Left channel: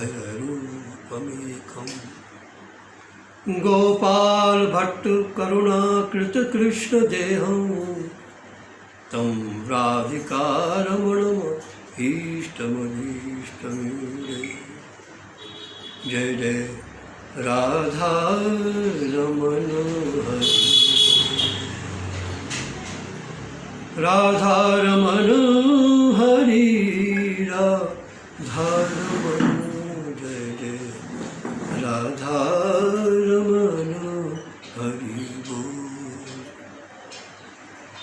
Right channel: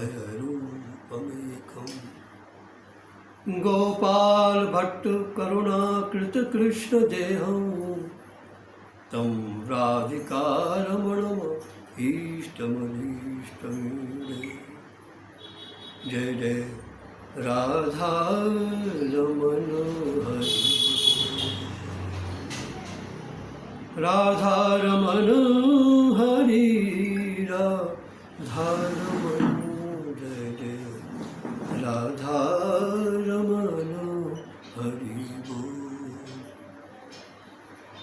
भयरूपमेकम्। गोपाल भट्ट करुणाकृत कृष्ण देहं तं राधिकारमणम इष्टमधीष्टमीडे। जय जय राधा रमण हरि, राधा रमण हरि, राधा रमण। जय जय राधा रमण हरि बोल।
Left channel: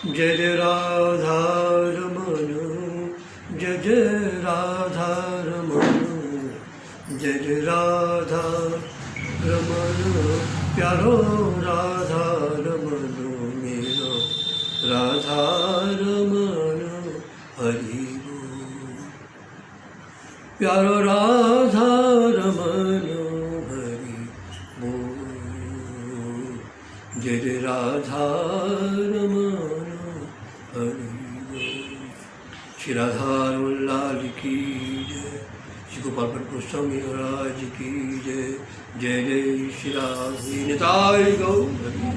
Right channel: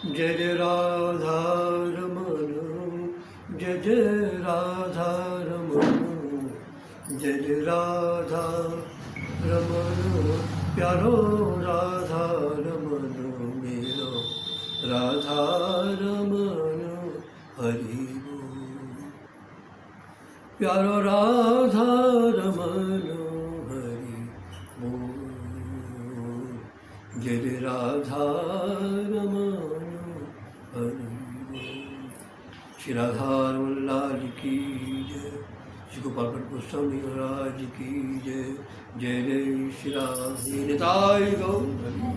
जय जय राधा रमण, जय जय राधा रमण, जय जय राधा रमण प्यारो राधा रमण मेरा, राधा रमण हरि बोल। प्यारो राधा रमण हरि बोल। जय जय राधा रमण हरि बोल। श्री राधा रमण लाल की जय, श्री गोपाल भट्ट गोस्वामी महाराज की जय। जय जय श्री राधे निताय गौर हरि।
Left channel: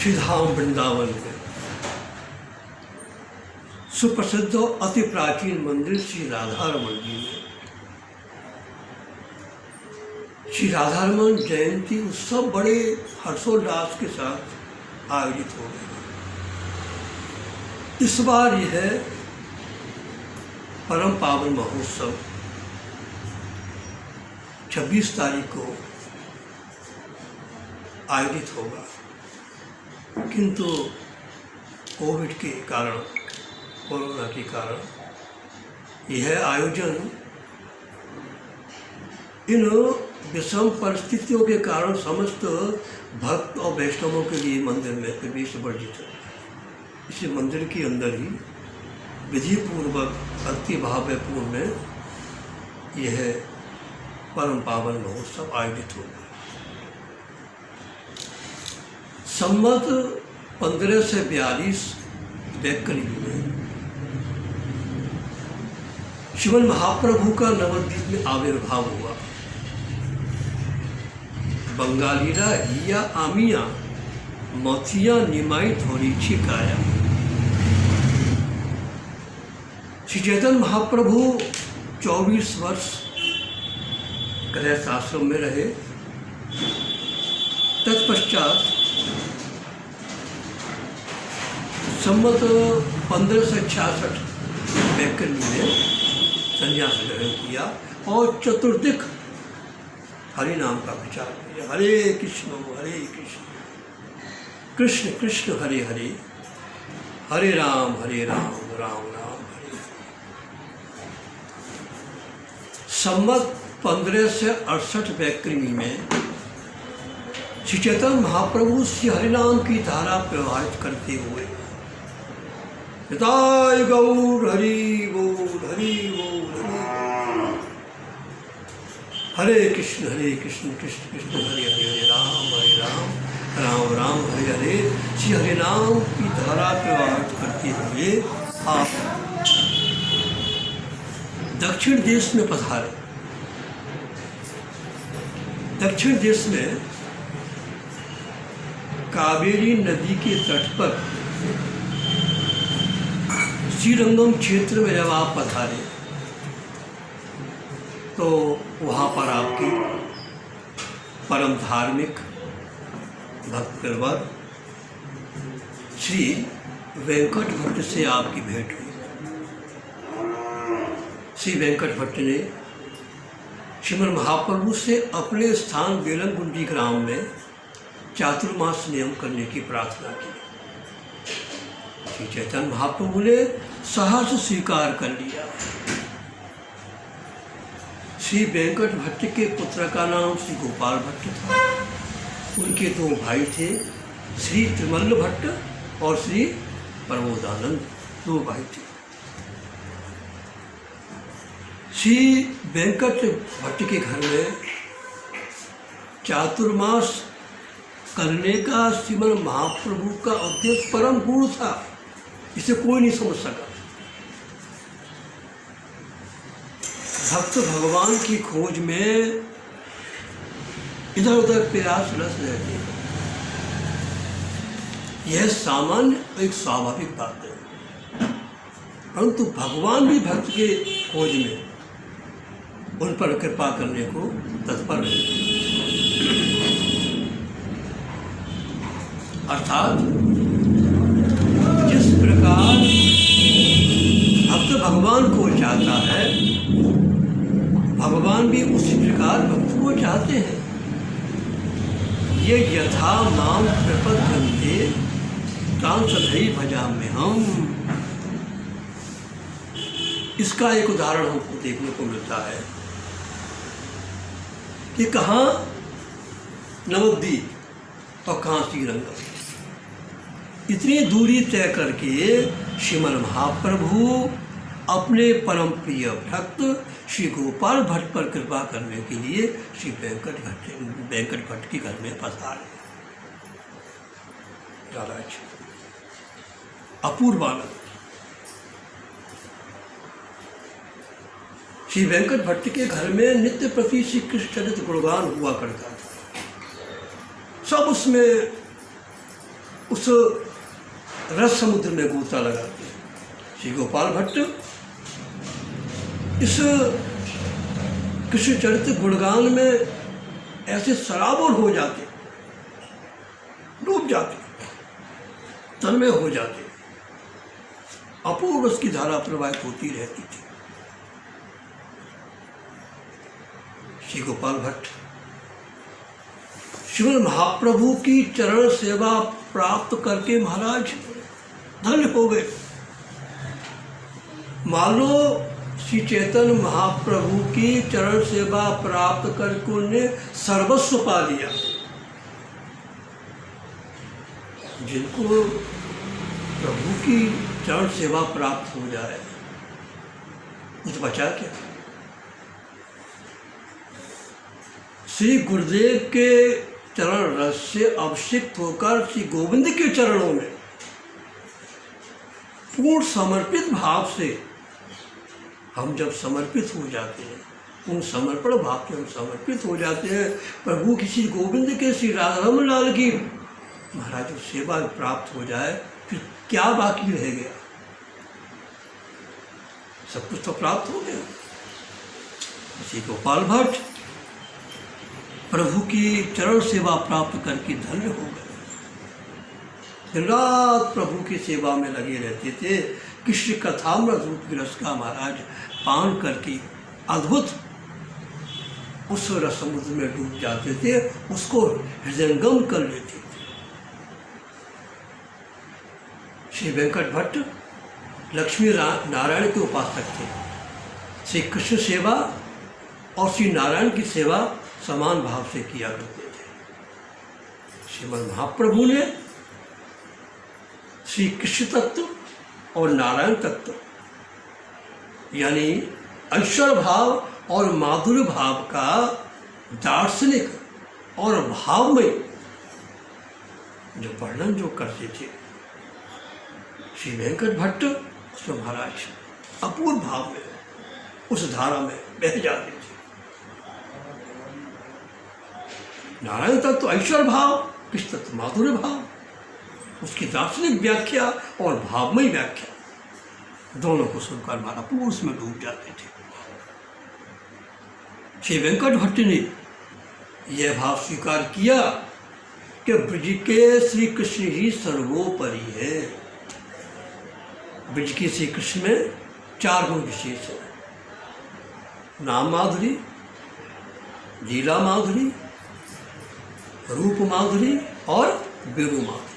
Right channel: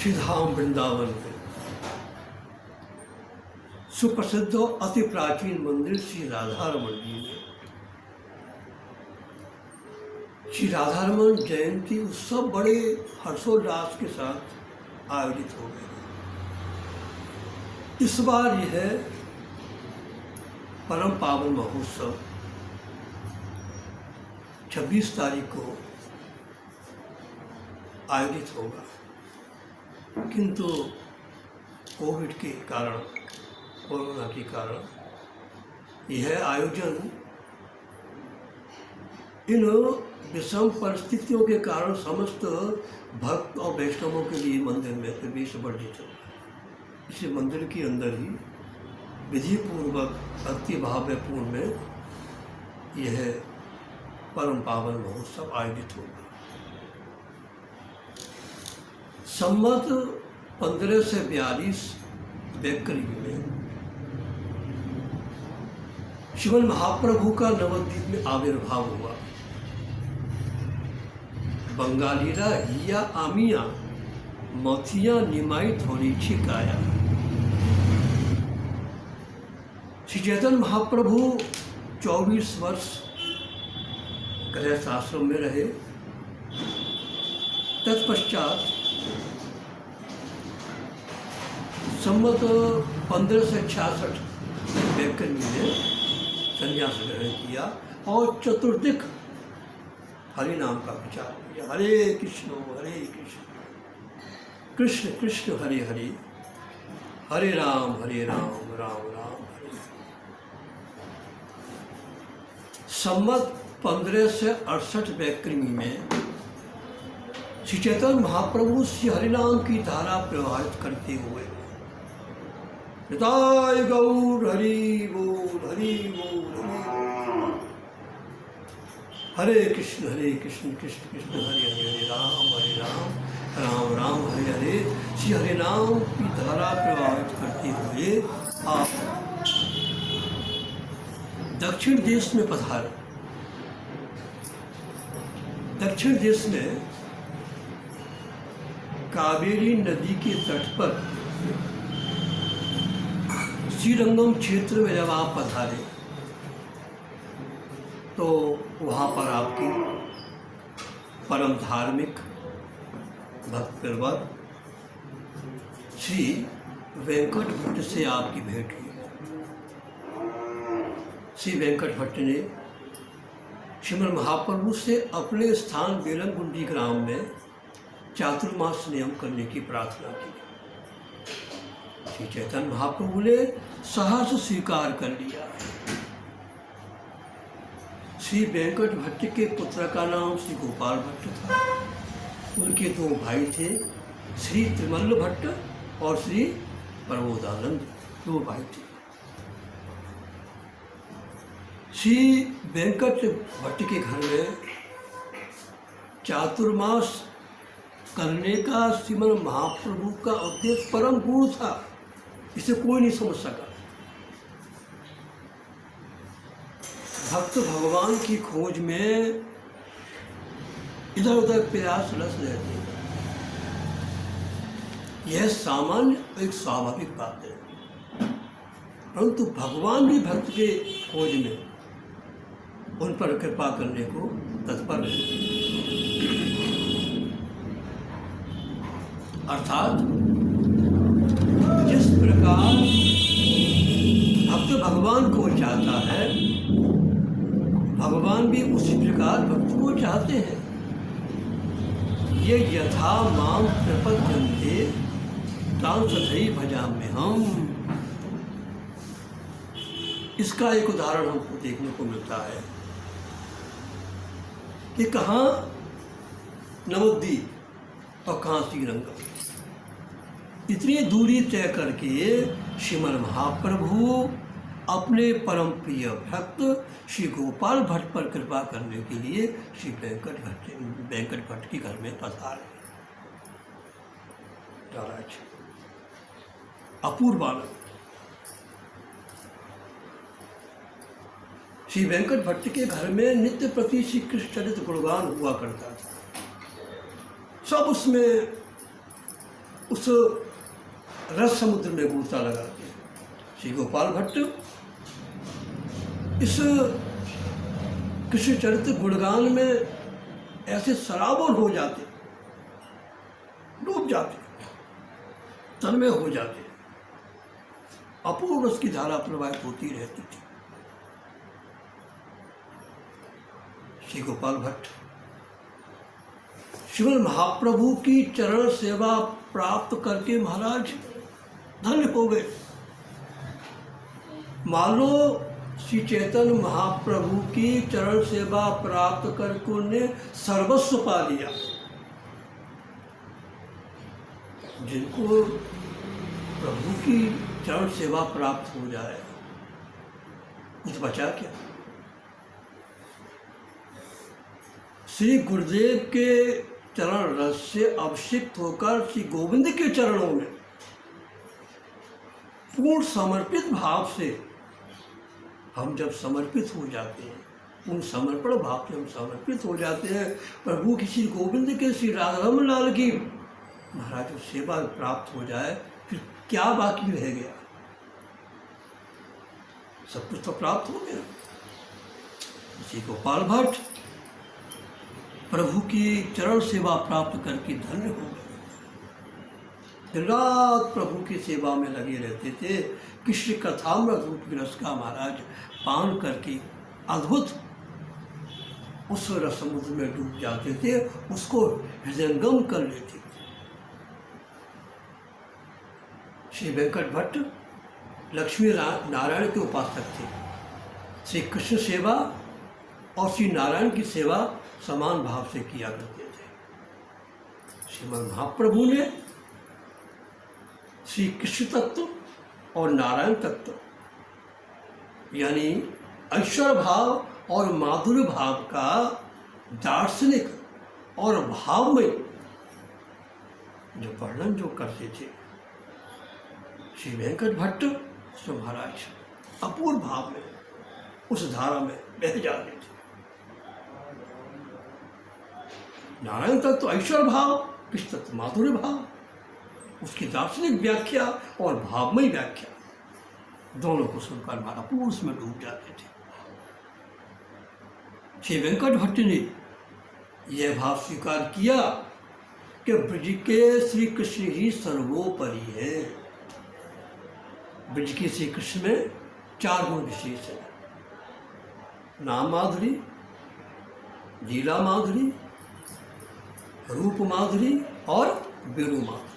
श्री धाम वृंदावन में सुप्रसिद्ध और अति प्राचीन मंदिर श्री राधा रमन जी में श्री राधा रमन जयंती उत्सव बड़े हर्षोल्लास के साथ आयोजित हो गए। इस बार यह परम पावन महोत्सव 26 तारीख को आयोजित होगा, किंतु कोविड के कारण, कोरोना के कारण यह आयोजन इन विषम परिस्थितियों के कारण समस्त भक्त और वैष्णवों के लिए मंदिर में प्रवेश वर्जित है। इसी मंदिर के अंदर ही विधि पूर्वक भक्ति भावपूर्ण में यह परम पावन महोत्सव आयोजित होगा। संवत 1542 वैक्री में श्रीमन महाप्रभु का नवद्वीप में आविर्भाव हुआ। बंगालीरा हिया आमिया मथिया निमाई थोड़ी छिकाया। श्री चैतन्य महाप्रभु 24 वर्ष गृहस्थ आश्रम में रहे। तत्पश्चात संवत 1566 वैक्री में संन्यास ग्रहण किया और चतुर्दिक हरि नाम का प्रचार किया। हरे कृष्ण कृष्ण कृष्ण हरे हरे, हरे राम राम राम हरे। संवत 1568 वैक्री में श्री चैतन्य महाप्रभु श्री हरिनाम की धारा प्रवाहित करते हुए निताय गौर हरि बोल हरि बोल हरे कृष्ण कृष्ण कृष्ण हरे हरे, हरे राम राम राम हरे हरे। श्री हरिनाम की धारा प्रवाहित करते हुए आप दक्षिण देश में पधारे। दक्षिण देश में कावेरी नदी के तट पर श्रीरंगम क्षेत्र में जब आप पधारे तो वहाँ पर आपकी परम धार्मिक भक्तवर श्री वेंकट भट्ट से आपकी भेंट हुई। श्री वेंकट भट्ट ने श्रीमन महाप्रभु से अपने स्थान बेलमगुंडी ग्राम में चातुर्मास नियम करने की प्रार्थना की। श्री चैतन्य महाप्रभु ने सहर्ष स्वीकार कर लिया। श्री वेंकट भट्ट के पुत्र का नाम श्री गोपाल भट्ट था। उनके दो भाई थे, श्री त्रिमल्ल भट्ट और श्री प्रबोधानंद, दो भाई थे। श्री वेंकट भट्ट के घर में चातुर्मास करने का श्रीमन महाप्रभु का उद्देश्य परम गूढ़ था, इसे कोई नहीं समझ सका। भक्त भगवान की खोज में इधर उधर प्रयासरत रहते हैं। यह सामान्य एक स्वाभाविक बात है, परंतु भगवान भी भक्त के खोज में उन पर कृपा करने को तत्पर रहते हैं। अर्थात जिस प्रकार भक्त भगवान को चाहता है, भगवान भी उसी प्रकार भक्त को चाहते हैं। ये यथा माम प्रपद्यन्ते तां तथैव भजाम्यहम् हम। इसका एक उदाहरण हमको देखने को मिलता है कि कहाँ नवद्वीप और कहाँ श्रीरंगम, इतनी दूरी तय करके श्रीमन महाप्रभु अपने परम प्रिय भक्त श्री गोपाल भट्ट पर कृपा करने के लिए श्री वेंकट भट्ट के घर में पधारे। अपूर्व आनंद। श्री वेंकट भट्ट के घर में नित्य प्रति श्री कृष्ण चरित्र गुणगान हुआ करता था। सब उसमें उस रस समुद्र में गोता लगाते हैं। श्री गोपाल भट्ट इस कृष्ण चरित्र गुणगान में ऐसे सराबोर हो जाते, डूब जाते, तन्मय हो जाते, अपूर्व उसकी धारा प्रवाहित होती रहती थी। श्री गोपाल भट्ट श्रीमन महाप्रभु की चरण सेवा प्राप्त करके महाराज धन्य हो गए। मान लो श्री चैतन्य महाप्रभु की चरण सेवा प्राप्त करके उन्हें सर्वस्व पा लिया। जिनको प्रभु की चरण सेवा प्राप्त हो जाए, कुछ बचा क्या? श्री गुरुदेव के चरण रस से अभिषिक्त होकर श्री गोविंद के चरणों में पूर्ण समर्पित भाव से हम जब समर्पित हो जाते हैं, पूर्ण समर्पण भाव से हम समर्पित हो जाते हैं प्रभु की श्री गोविंद के श्री राधारमण लाल की महाराज सेवा प्राप्त हो जाए, फिर क्या बाकी रह गया? सब कुछ तो प्राप्त हो गया। श्री गोपाल भट्ट प्रभु की चरण सेवा प्राप्त करके धन्य हो गए। दिन रात प्रभु की सेवा में लगे रहते थे। कृष्ण कथामृत रूप रस का महाराज पान करके अद्भुत उस रस समुद्र में डूब जाते थे, उसको हृदयंगम कर लेते थे। श्री वेंकट भट्ट लक्ष्मी नारायण के उपासक थे। श्री कृष्ण सेवा और श्री नारायण की सेवा समान भाव से किया करते थे। श्रीमन महाप्रभु ने श्री कृष्ण तत्व और नारायण तत्व यानी ऐश्वर्य भाव और माधुर्य भाव का दार्शनिक और भावमय जो वर्णन जो करते थे, श्री वेंकट भट्ट उसमें महाराज अपूर्व भाव में उस धारा में बह जाते थे। नारायण तत्व ऐश्वर्य भाव, कृष्ण तत्व माधुर्य भाव, उसकी दार्शनिक व्याख्या और भावमयी व्याख्या दोनों को सुनकर महाप्रभु उसमें डूब जाते थे। श्री वेंकट भट्ट ने यह भाव स्वीकार किया कि ब्रज के श्री कृष्ण ही सर्वोपरि है। ब्रज के श्री कृष्ण में 4 गुण विशेष है: नाम माधुरी, लीला माधुरी, रूप माधुरी और वेणु माधुरी।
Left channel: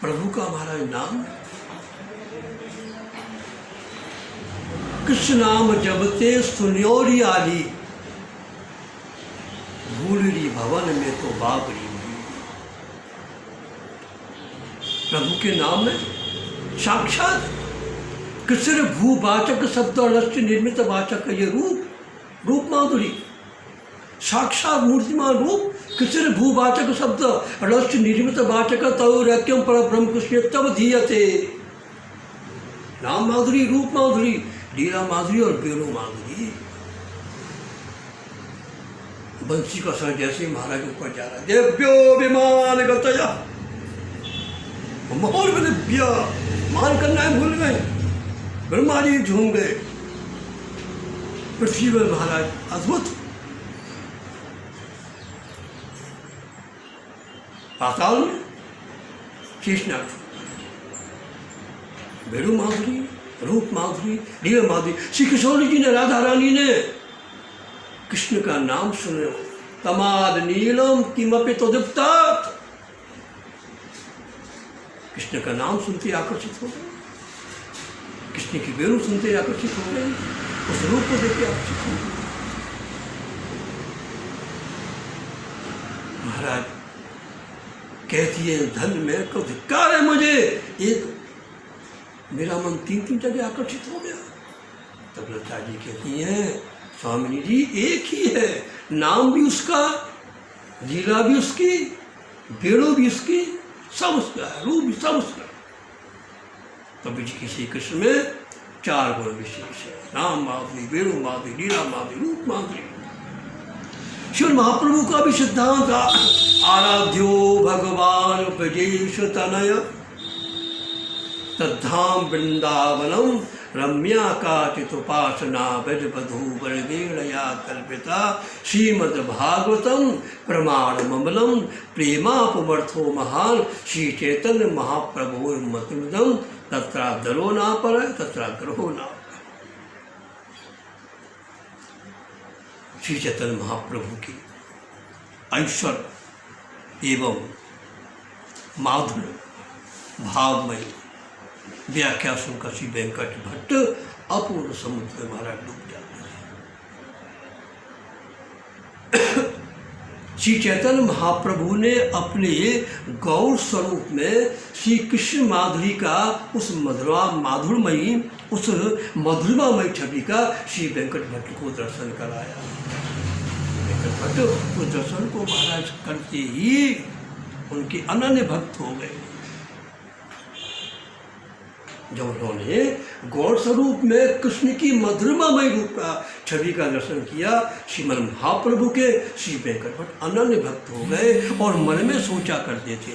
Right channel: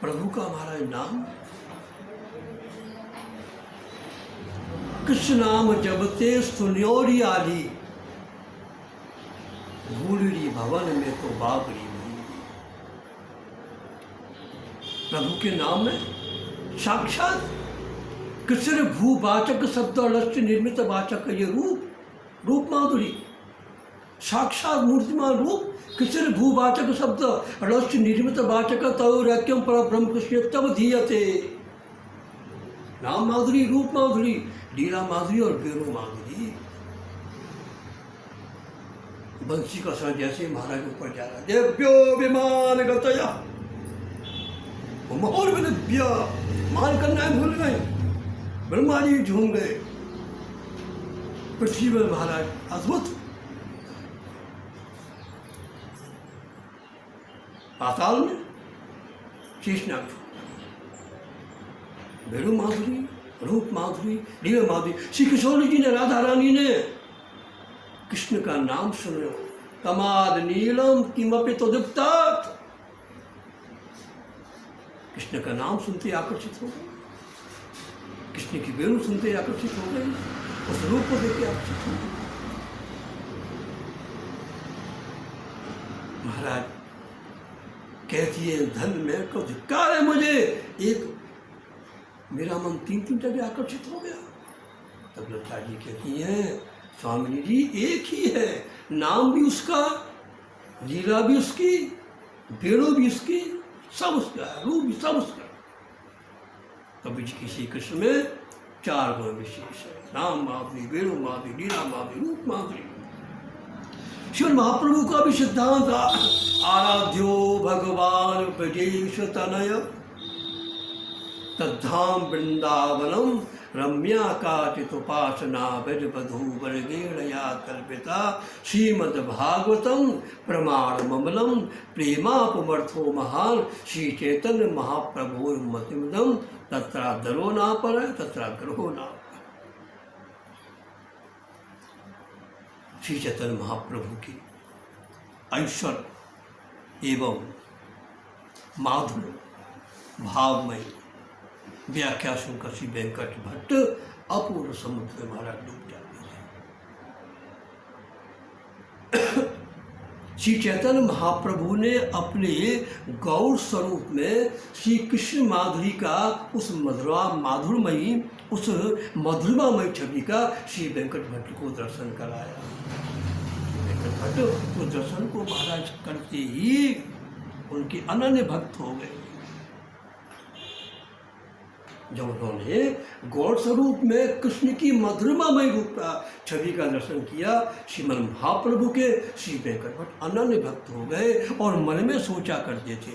प्रभु का हमारा नाम कृष्ण नाम जबते सुन्योरी आली, भूलरी भवन में तो बाबरी। प्रभु के नाम में साक्षात कृष्ण भूवाचक शब्द और लक्ष्य निर्मित वाचक ये रूप माधुरी, साक्षात मूर्तिमान रूप कृष्ण भूवाचक शब्द रस्य निर्मित वाचक तव रक्यम पर ब्रह्म कृष्ण तब धीयते। नाम माधुरी, रूप माधुरी, लीला माधुरी और बेणु माधुरी। बंसी का सर जैसे ही महाराज ऊपर जा रहा, देव्यो विमान गतया, मोहर में दिव्या मान करना भूल गए, ब्रह्मा जी झूम गए। पृथ्वी पर महाराज अद्भुत, पाताल में शेषनाग, बेणु माधुरी, रूप माधुरी, लीला माधुरी। श्री किशोरी जी ने, राधा रानी ने कृष्ण का नाम सुने, तमाद नीलम किमपि तदुक्तात, कृष्ण का नाम सुनते आकर्षित हो गए, कृष्ण की बेणु सुनते आकर्षित हो गए, उस रूप को देखते आकर्षित हो गए। महाराज कहती है, धन में को धिक्कार है मुझे, एक मेरा मन 3 जगह आकर्षित हो गया। तब लता जी कहती हैं, स्वामिनी जी एक ही है, नाम भी उसका, लीला भी उसकी, बेणु भी उसकी, सब उसका, रूप भी सब उसका। कबीर जी की श्री कृष्ण में 4 गुण विशेष है, नाम माधुरी, बेणु माधुरी, लीला माधुरी, रूप माधुरी। श्री महाप्रभु का भी सिद्धांत, आराध्यो भगवान ब्रजेश तनय, तद्धाम वृंदावनम रम्या काचित उपासना ब्रज बधू वरदेणया कल्पिता, श्रीमद्भागवतम प्रमाण ममलम प्रेमापमर्थो महान, श्री चैतन्य महाप्रभुर्मतिमदम तत्रादरो नापर तत्राग्रहो नापर। श्री चैतन्य महाप्रभु की ऐश्वर्य एवं माधुर्य भावमय व्याख्या सुनकर श्री वेंकट भट्ट अपूर्व समुद्र में महाराज डूब जाते हैं। श्री चैतन्य महाप्रभु ने अपने गौर स्वरूप में श्री कृष्ण माधुरी का उस माधुरमयी, उस मधुरमामयी छवि का श्री वेंकट भट्ट को दर्शन कराया। वेंकट भट्ट उस दर्शन को महाराज करते ही उनके अनन्य भक्त हो गए। जब उन्होंने गौर स्वरूप में कृष्ण की मधुरमामय रूप का छवि का दर्शन किया, श्रीमन महाप्रभु के श्री वेंकट भट्ट अनन्य भक्त हो गए और मन में सोचा करते थे,